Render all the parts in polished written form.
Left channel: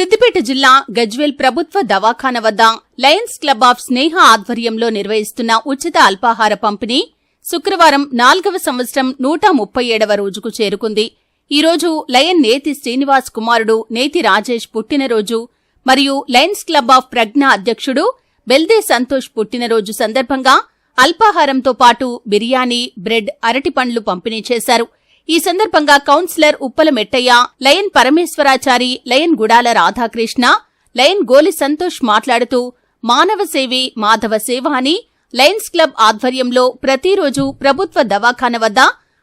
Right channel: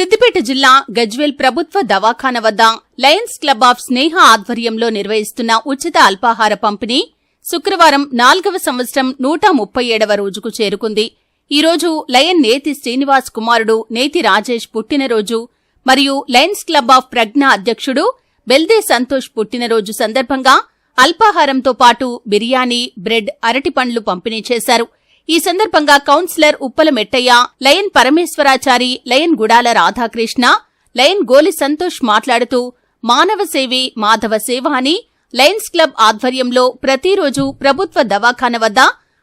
సిద్దిపేట జిల్లా గజ్వేల్ ప్రభుత్వ దవాఖాన వద్ద లయన్స్ క్లబ్ ఆఫ్ స్నేహ ఆధ్వర్యంలో నిర్వహిస్తున్న ఉచిత అల్పాహార పంపిణీ శుక్రవారం 4వ సంవత్సరం 137వ రోజుకు చేరుకుంది. ఈ రోజు లయన్ నేతి శ్రీనివాస్ కుమారుడు నేతి రాజేష్ పుట్టినరోజు మరియు లయన్స్ క్లబ్ ఆఫ్ ప్రజ్ఞ అధ్యక్షుడు బెల్దే సంతోష్ పుట్టినరోజు సందర్భంగా అల్పాహారంతో పాటు బిర్యానీ, బ్రెడ్, అరటిపండ్లు పంపిణీ చేశారు. ఈ సందర్భంగా councillor Uppala Mettaiah, lion Parameswarachari, lion Gudala Radhakrishna, lion Goli Santosh మాట్లాడుతూ మానవ సేవే మాధవ సేవ అని లయన్స్ క్లబ్ ఆధ్వర్యంలో ప్రతిరోజు ప్రభుత్వ దవాఖాన వద్ద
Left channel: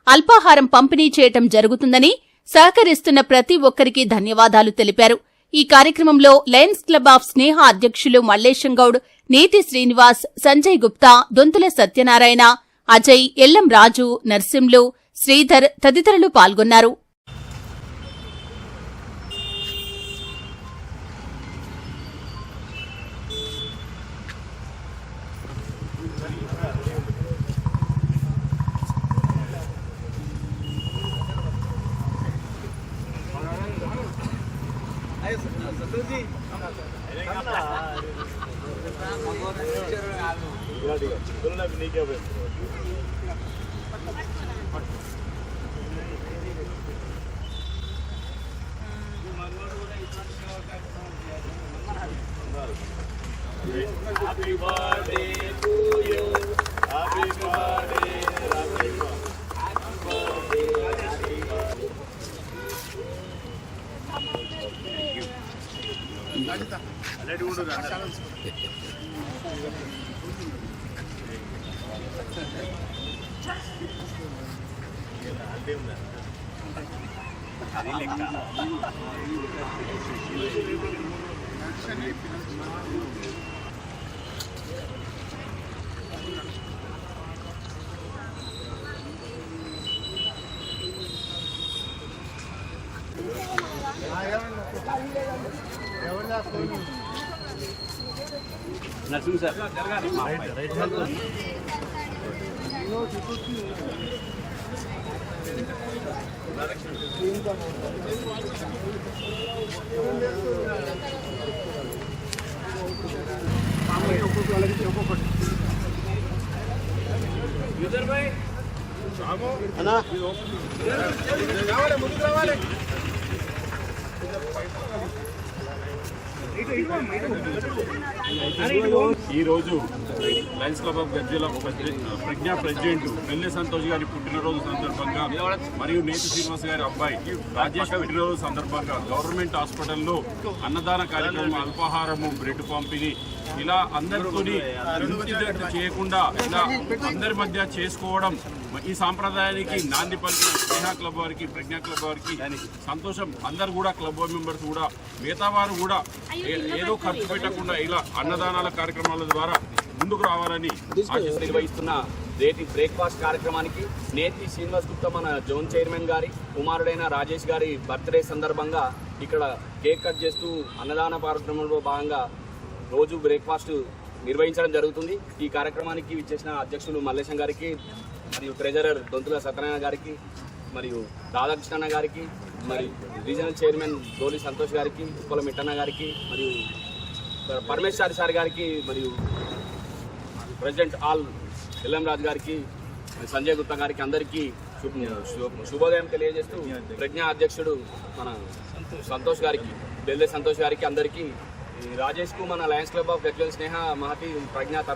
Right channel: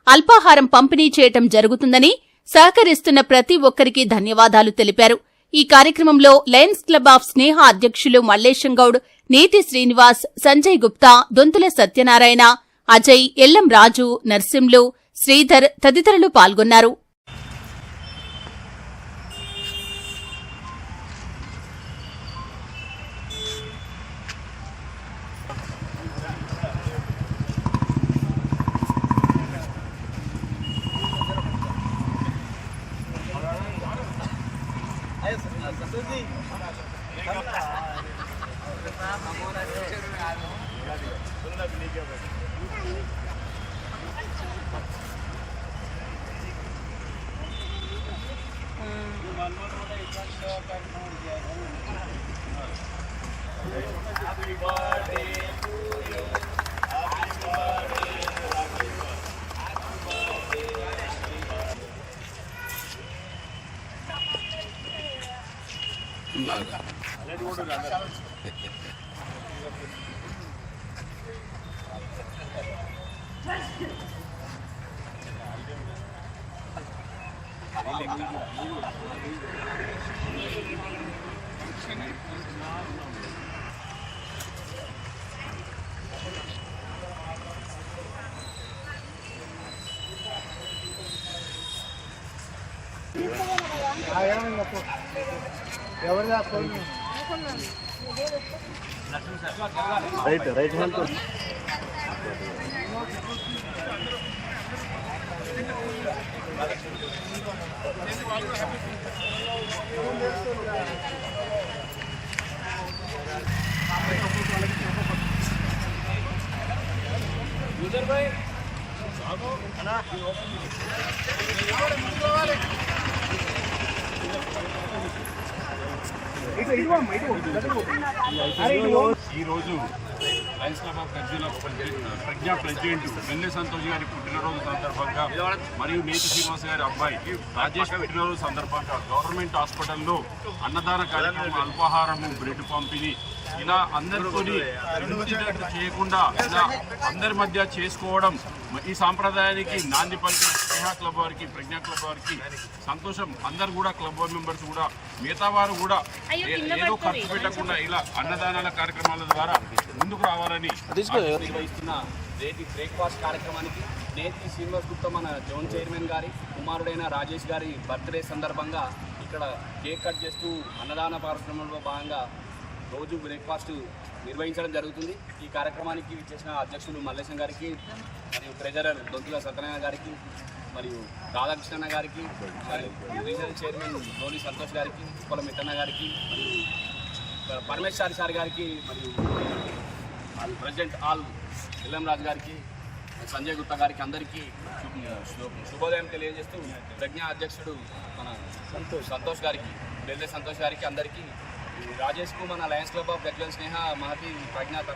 అల్పాహారం పంపిణీ చేయటం జరుగుతుందని, సహకరిస్తున్న ప్రతి ఒక్కరికి ధన్యవాదాలు తెలిపారు. ఈ కార్యక్రమంలో లయన్స్ క్లబ్ ఆఫ్ స్నేహ అధ్యక్షులు మల్లేశం గౌడ్, నేతి శ్రీనివాస్, సంజయ్ గుప్తా, దొంతుల సత్యనారాయణ, అజయ్, ఎల్లం రాజు, నర్సింలు, శ్రీధర్ తదితరులు పాల్గొన్నారు. Happy birthday to you. Happy birthday, happy birthday, happy birthday. Let go to ఈ రోజు Lions Club of Gajwel Pragna president Belde Santosh గారి పుట్టినరోజు సందర్భంగా మరియు నేతి శ్రీనివాస్ గారి అబ్బాయి రాజేష్ పుట్టినరోజు సందర్భంగా గవర్నమెంట్ హాస్పిటల్లో అన్నదాన కార్యక్రమం, అల్పాహారము, బ్రెడ్ పంపిణీ ఇలా అందరితోని ఇంటిదట్టు చేయకుండా ఇలా అందరి మధ్య చేసుకోవడం ఈ సాంప్రదాయానికి నాంది పలికిన స్నేహ క్లబ్ వారికి, ప్రజ్ఞా క్లబ్ వారికి సంతోషం. అందరు కూడా క్లబ్ మెంబర్స్ కూడా మిగతా వారు కూడా ఏదో ఖర్చు పెట్టకుండా ఇలా అన్నదానాల కార్యక్రమాల ద్వారా ముందుకు రావాలని నిర్వహిస్తున్న నేటి బ్రేక్ఫాస్ట్ కార్యక్రమానికి నేతి శ్రీనివాస్ గుప్తా మన జోన్ చైర్మన్ గారి కుమారుడైన రాజేష్ గారి బర్త్డే సందర్భంగా ఇక్కడ కేక్ కట్ చేస్తూ అన్నదాన కార్యక్రమంలో భాగంగా రోజు బ్రేక్ఫాస్ట్ నిర్వహించడం జరుగుతుంది. ఈ కార్యక్రమానికి విచ్చేసిన అధ్యక్షులు మల్లేశం గారికి మరియు ట్రెజరర్ దొంతుల సత్యనారాయణ గారికి మరియు రాధాకృష్ణ గారికి మరియు రీజనల్ చైర్మన్ గోలి సంతోష్ గారికి, ఉప్పల మిట్టన్న గారికి మరియు పరమేశ్వరి సార్ గారికి మరియు ప్రెసిడెంట్ ఆల్ ఎల్ఎం రాజు గారికి, సంజయ్ గుప్తా గారికి అందరికీ శుభోదయం తెలియజేస్తూ ప్రజ్ఞా అధ్యక్షుడు మన సంతోష్ గారికి, బెల్దే సంతోష్ గారికి అందరికీ రాజేష్కు మన లయన్స్ క్లబ్ ఆఫ్ గజ్వేల్ స్నేహ మహతి ప్రజ్ఞా తరఫున